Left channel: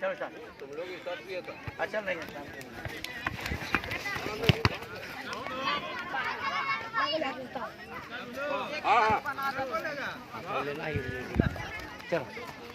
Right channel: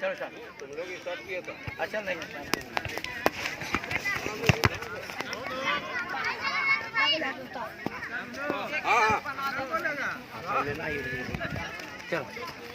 चलो स्टार्ट। तुम लोग स्टार्ट किया था। अच्छा नहीं हाँ हाँ चलो